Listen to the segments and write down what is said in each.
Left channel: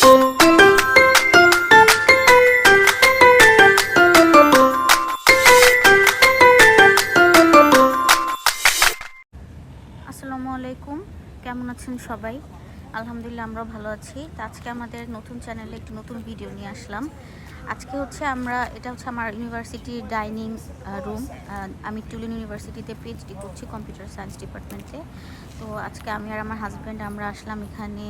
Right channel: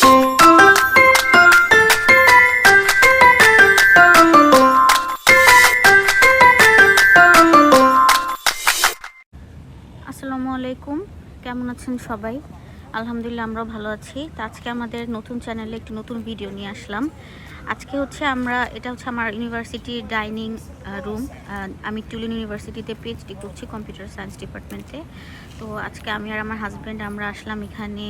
আসসালামু আলাইকুম, কেমন আছেন সবাই? আলহামদুলিল্লাহ আমরাও ভালো আছি। তো আজকে আমাদের নতুন চ্যানেলে একটি নতুন ভিডিও নিয়ে আসলাম। আজকে হচ্ছে এটা হচ্ছে আমার ইউনিভার্সিটির ডাইনিং রুম। আমি টুলিন ইউনিভার্সিটিতে পিএইচডি করছি কম্পিউটার সায়েন্স ডিপার্টমেন্টে। তো আজকে আমি আর আমার হাজব্যান্ড আমরা আসলাম এখানে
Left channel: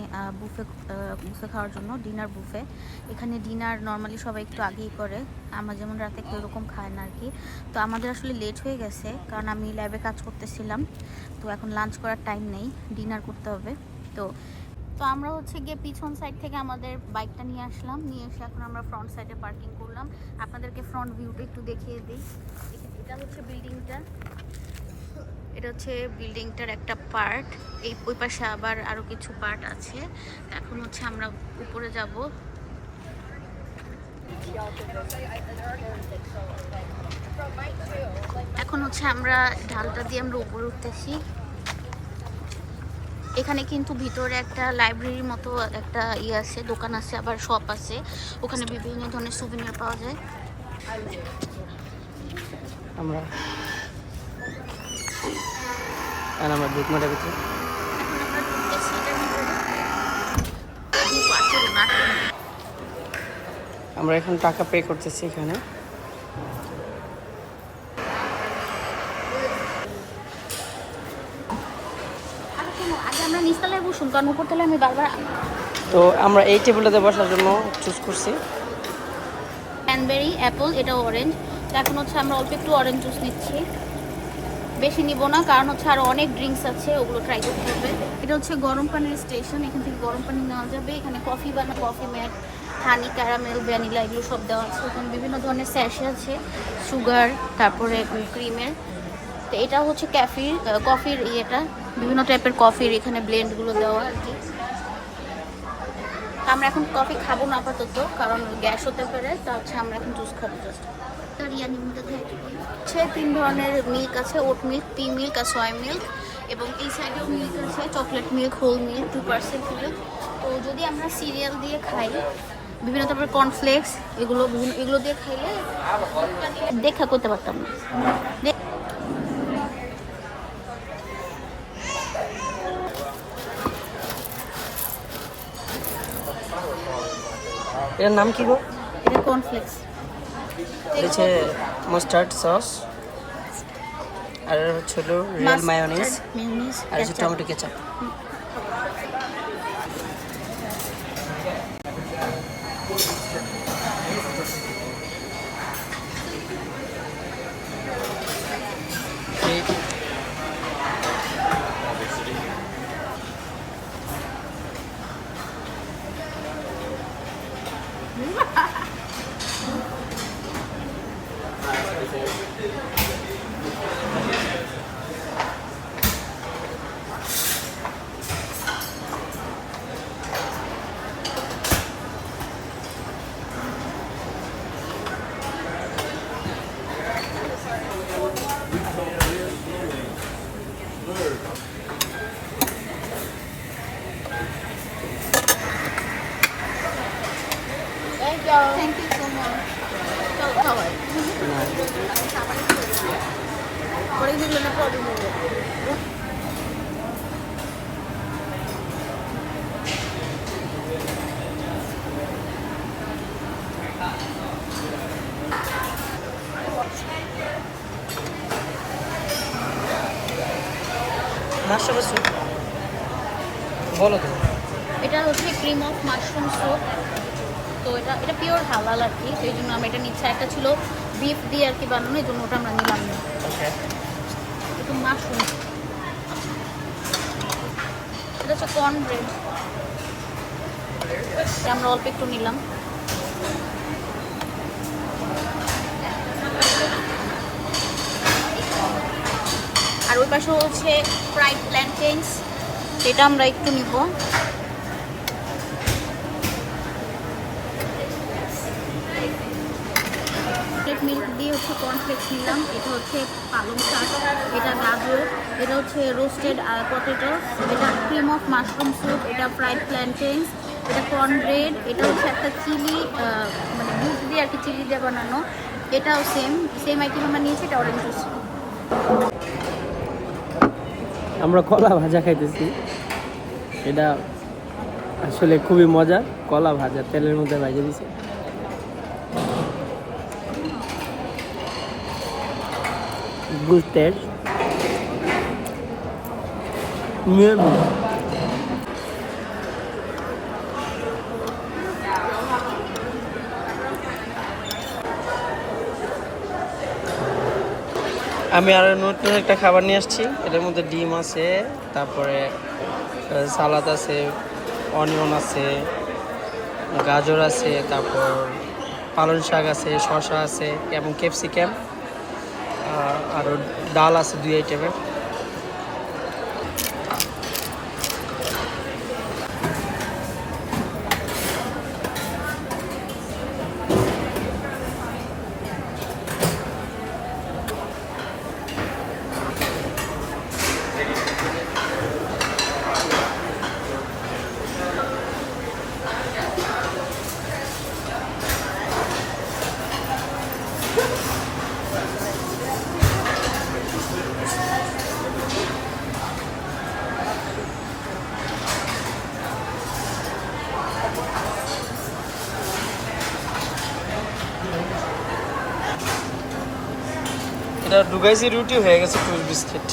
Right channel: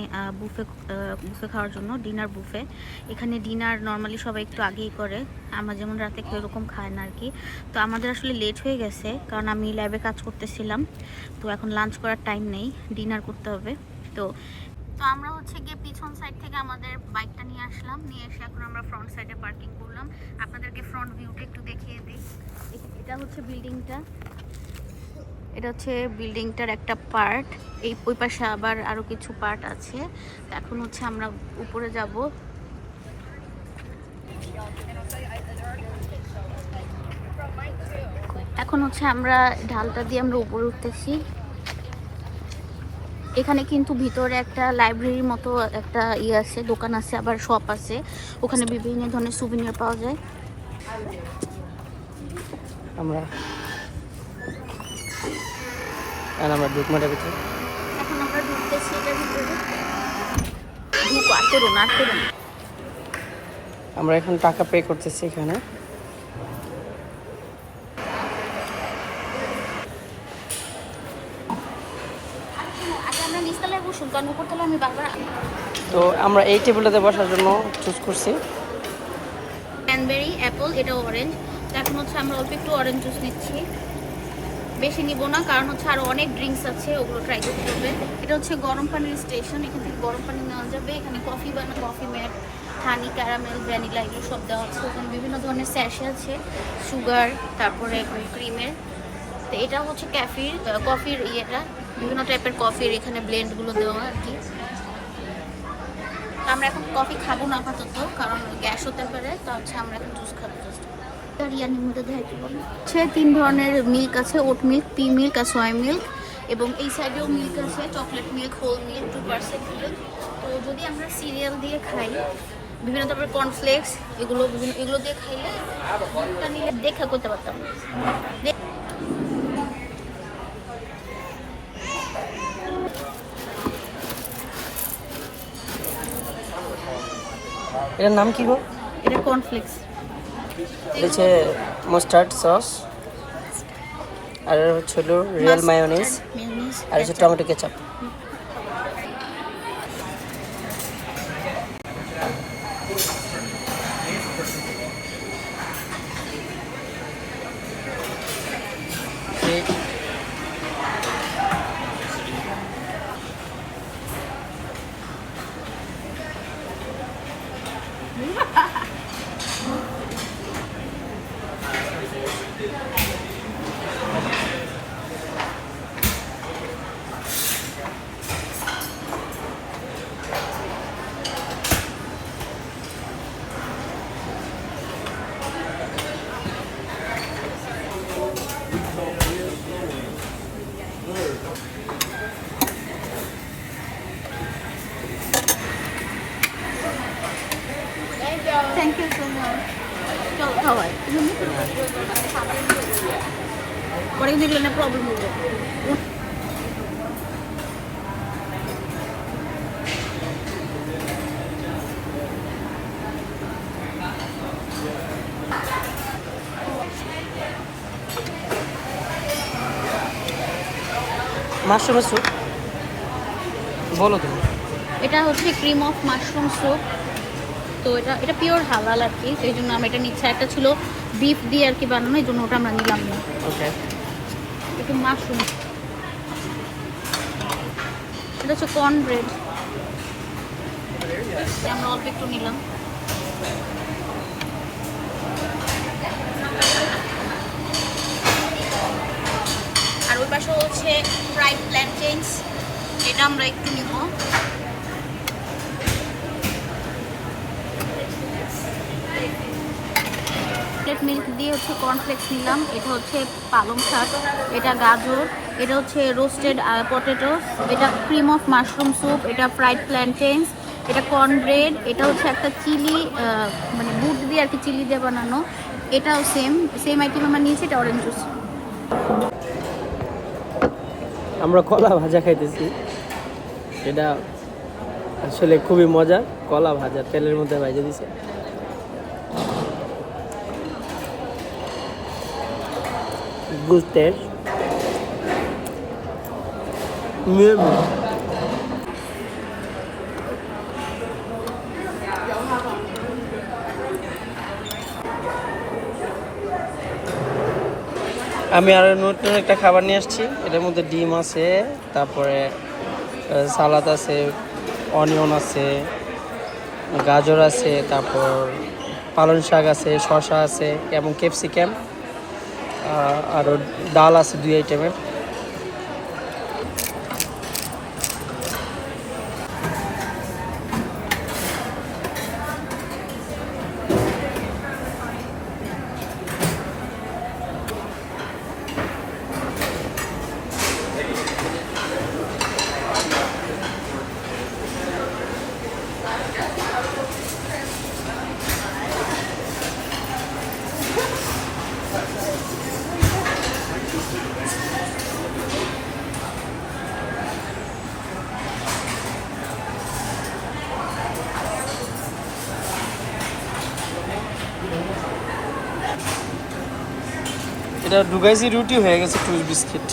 বুফে খাওয়ার জন্য, ডিনার বুফে। এখানে ডিনার নর্মালি সবাই একটু আগেই করে, আমরা যেমন রাতে কেউ এরকম খায় না আর কি। তো আমাদের আসলে লেট হয়ে গেছে কারণ আমি ল্যাবে কাজ করতেছিলাম, তো এখন লাঞ্চ করার টাইম নেই, ডিনার করতে হবে। তো আমরা হচ্ছে গিয়ে পিছন সাইড থেকে আমাদের বাইকটা নিয়ে আসলাম, নিয়ে এসে এখন আমরা ফ্রন্ট সাইডে পার্কিং করলাম। আপনাদেরকে ফ্রন্ট ভিউটা একটু দেখিয়ে দিই। এটা হচ্ছে বিল্ডিংটা, এটা হচ্ছে বিল্ডিংটার একটা পার্ট। ওই পাশে আবার আরও কিছু পার্ট আছে। এখন হচ্ছে আমরা উপরে যাব। এখন হচ্ছে আমরা ঢালটা দিয়ে আমরা উপরে উঠতেছি। এখানে কিন্তু ভিতরে একটা লাইব্রেরির মতো একটা আছে, দোকান আছে, আবার শপ আছে। ওখানে বিভিন্ন ধরনের সুভিনির পাওয়া যায়। আমরা ডুকমাটার ভিতরে আমরা এখন টাকা পে করতেছি এখানে। তো আমরা এই টেবিলটাতে বসার জন্য চুজ করছি। ক্যানবেরি, অ্যাপল, এটা অরেঞ্জ। এখন হচ্ছে আমরা অল্প একটু অরেঞ্জ জুস নিচ্ছি, বেশি নিব না কারণ হচ্ছে আরো অনেক ড্রিঙ্কস আছে, ওগুলো ট্রাই করতে হবে। এটা হচ্ছে গরম পানির স্টেশন, এখান থেকে গরম পানি নেওয়া যাবে। এখানে কফি বানানো, কফি ম্যাট, হানি, ক্যারামেল, ভ্যানিলা এগুলো সব দেওয়া আছে। ওখানে বিভিন্ন ধরনের স্যাশে আছে, সুগার, তারপরে ক্রিমের। তো এটা হচ্ছে কফির ইয়েটা, বিভিন্ন টাইপের কফির এখানে ব্লেন্ডগুলো দেওয়া আর কি। আমরা এখন কফি খাবো না আপাতত, কারণ গ্যাস হতে পারে। তা হচ্ছে আমরা এখন জুস খাবো। হচ্ছে 3 ধরনের মিল্ক আছে, ওট মিল্ক, পি মিল্ক আর সয় মিল্ক। এবং এই সাইডেও মিল্ক আছে, chocolate milk, whole milk, 2% milk. তো যদি আমরা সিরিয়াল দিয়ে খাই, বিভিন্ন ধরনের কর্নফ্লেক্স, এগুলো দিয়ে খাইলে নিলে দেখা করতে পারতাম না। এটার নাম কি গো? এটা কর্নফ্লেক্স। এটা হচ্ছে মাস্টার্ড সস, আর হচ্ছে হলো রিয়েল মায়োনিজ, আর হচ্ছে tomato ketchup. Thank you so much. What is the problem with it? Mushroom soup বলো তো। এটা হচ্ছে ক্রিম অফ মাশরুম স্যুপ। তো এটা পিওর হালাল আর কি, সেই জন্য আমি এটা নিচ্ছি। একটা ছিল বিফ দিয়ে আর কি বানানো, এই জন্য ওটা আমরা নিলাম না। ওকে, একটু মাশরুম। এটা হচ্ছে কর্ন ব্রেড, আমরা অল্প একটু নিলাম। আর ওই পাশে হচ্ছে ফ্রাইড প্ল্যান্টেন্স, এটা আমরা একটু নিব। মিল্ক দিয়ে হচ্ছে কর্নফ্লেক্স নিলাম। এটা হচ্ছে পালং শাক, এটা গাজর, এটা হচ্ছে রোস্টেড পটেটো, এটা ক্রিম অফ মাশরুম স্যুপ, এটা ফ্রাইড প্ল্যান্টেন্স, এটা কর্ন ব্রেড, এটা হচ্ছে একটা চিলি, মানে দুধ দিয়ে আর কি চিলি দিয়ে বানানো। এটাও সেম সেম আইটেম আমরা নিয়েছি, এটা অরেঞ্জ জুস। আমরা কলা ভাজা খাইতেছি, এটা আসলে খুবই মজার। কলা ভাজা তেলের মধ্যে ভাজা দিছে। Good taste. Yummy. আমি আরো নতুন একটা খাবার নিয়ে আসছি। এটার মধ্যে ডিম আছে, তারপরে সালাদ আছে, অনিয়ন আছে, গাজর আছে, তারপর পালং শাক আছে, শসা আছে এবং ক্যাপসিকাম, আরও ডাল আছে 2 আইটেমের। এটা ঢুকাইছি, রুটি হয়ে গেছে, টুইস্ট বিস্কিট।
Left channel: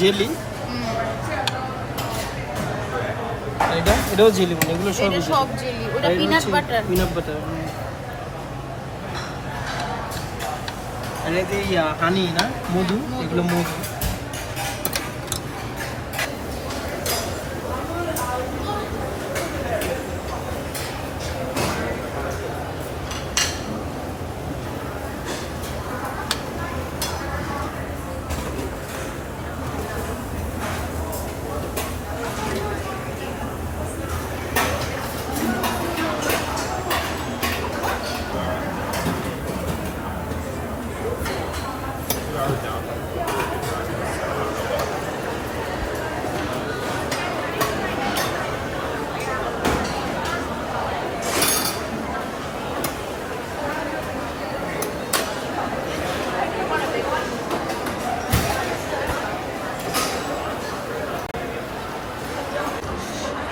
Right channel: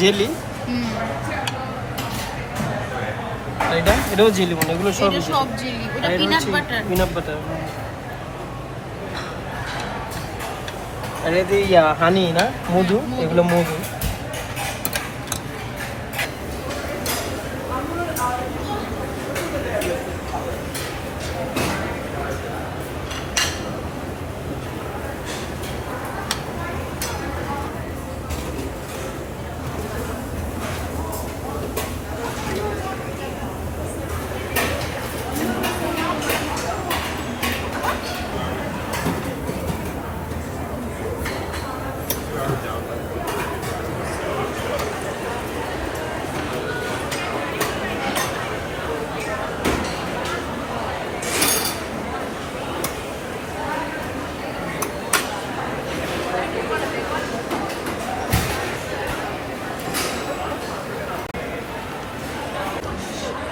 জেলি, এটাও জেলি, মানে এগুলো সব জেলি, ওটা পিনাট বাটার। Peanut butter. আর এতে হানি না, মধু, এগুলো মধু।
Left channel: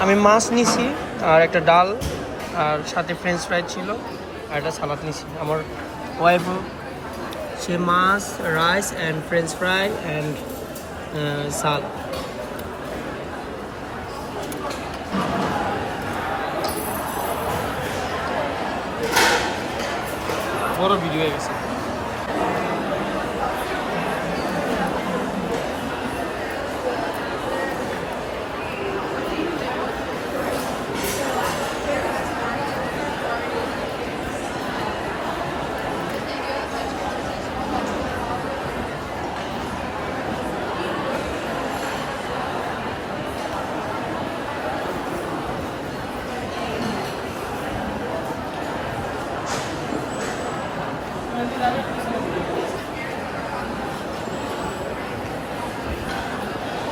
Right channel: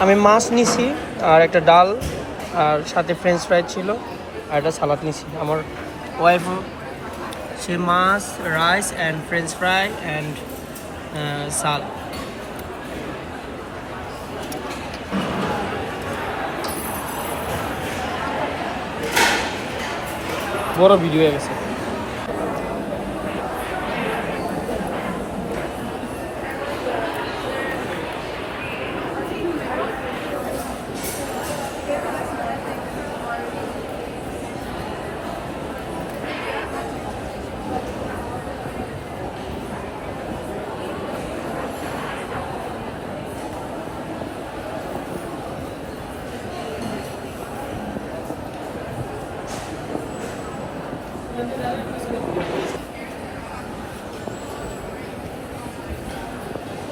আমি মাছ নিছি, আর একটা ডাল, আর সাথে ফ্রেঞ্চ ফ্রাই ছিল, আর একটা সালাদ নিছি। আমার ওয়াইফও সে মাছ, rice and french fry and সাল। বড় ভিডিও হয়ে গেছে।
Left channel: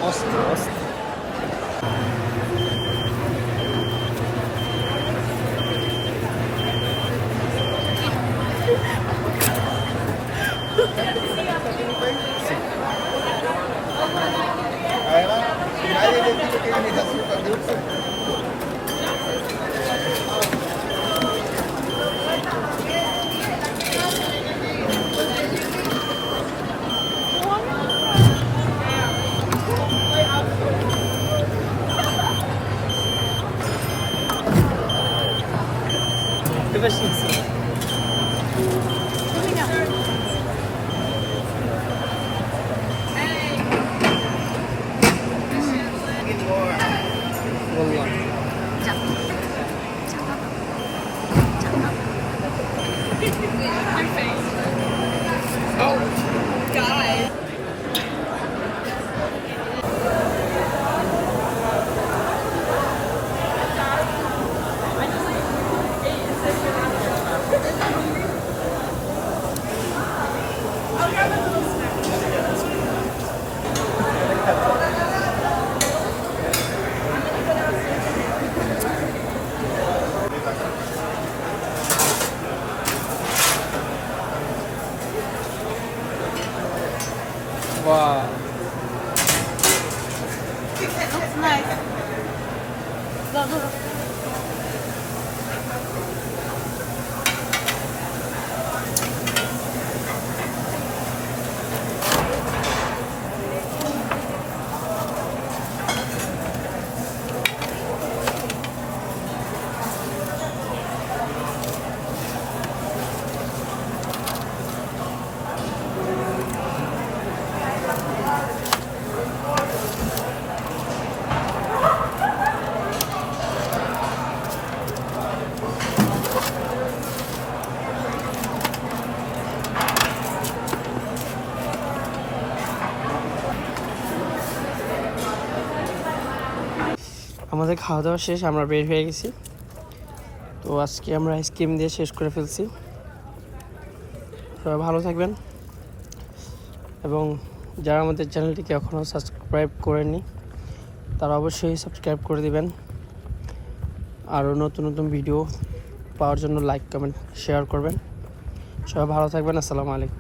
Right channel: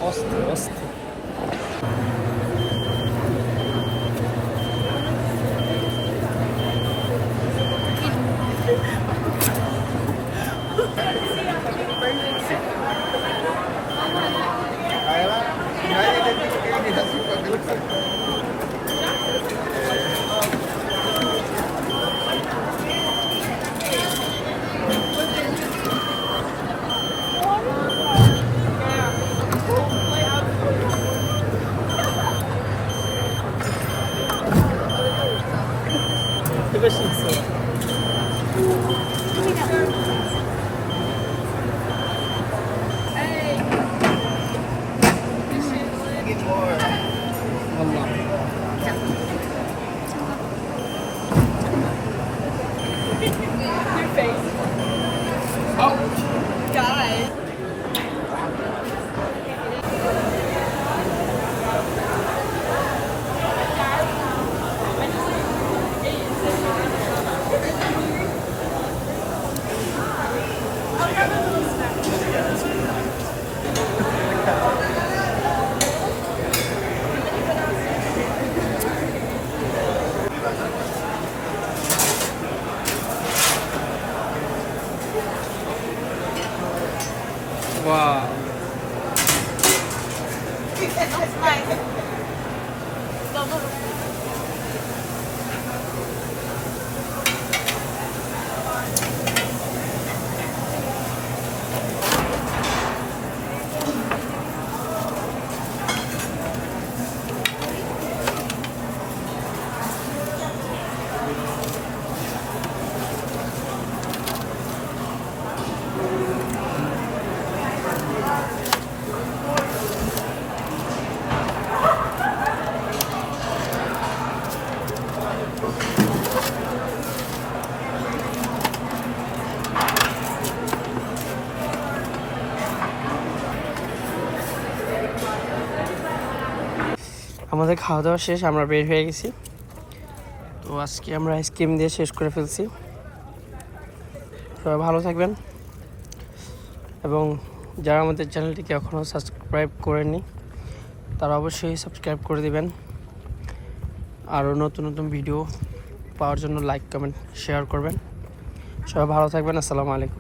অস্ত অস্ত Wow. That's nice. আমাদের খাওয়া দাওয়া শেষ, আমরা বের হয়ে গেছি। তো আজকে আমরা আইসক্রিম দিয়ে শেষ করে ফেলছি। সবাই ভালো থাকবেন, এবং যারা আমাদের চ্যানেলটিকে এখনও সাবস্ক্রাইব করেননি তারা অবশ্যই সাবস্ক্রাইব করে দিবেন। আরও নতুন নতুন ভিডিও পাওয়ার জন্য লাইক কমেন্ট শেয়ার করবেন। সবাই ভালো থাকবেন। আসসালামু আলাইকুম।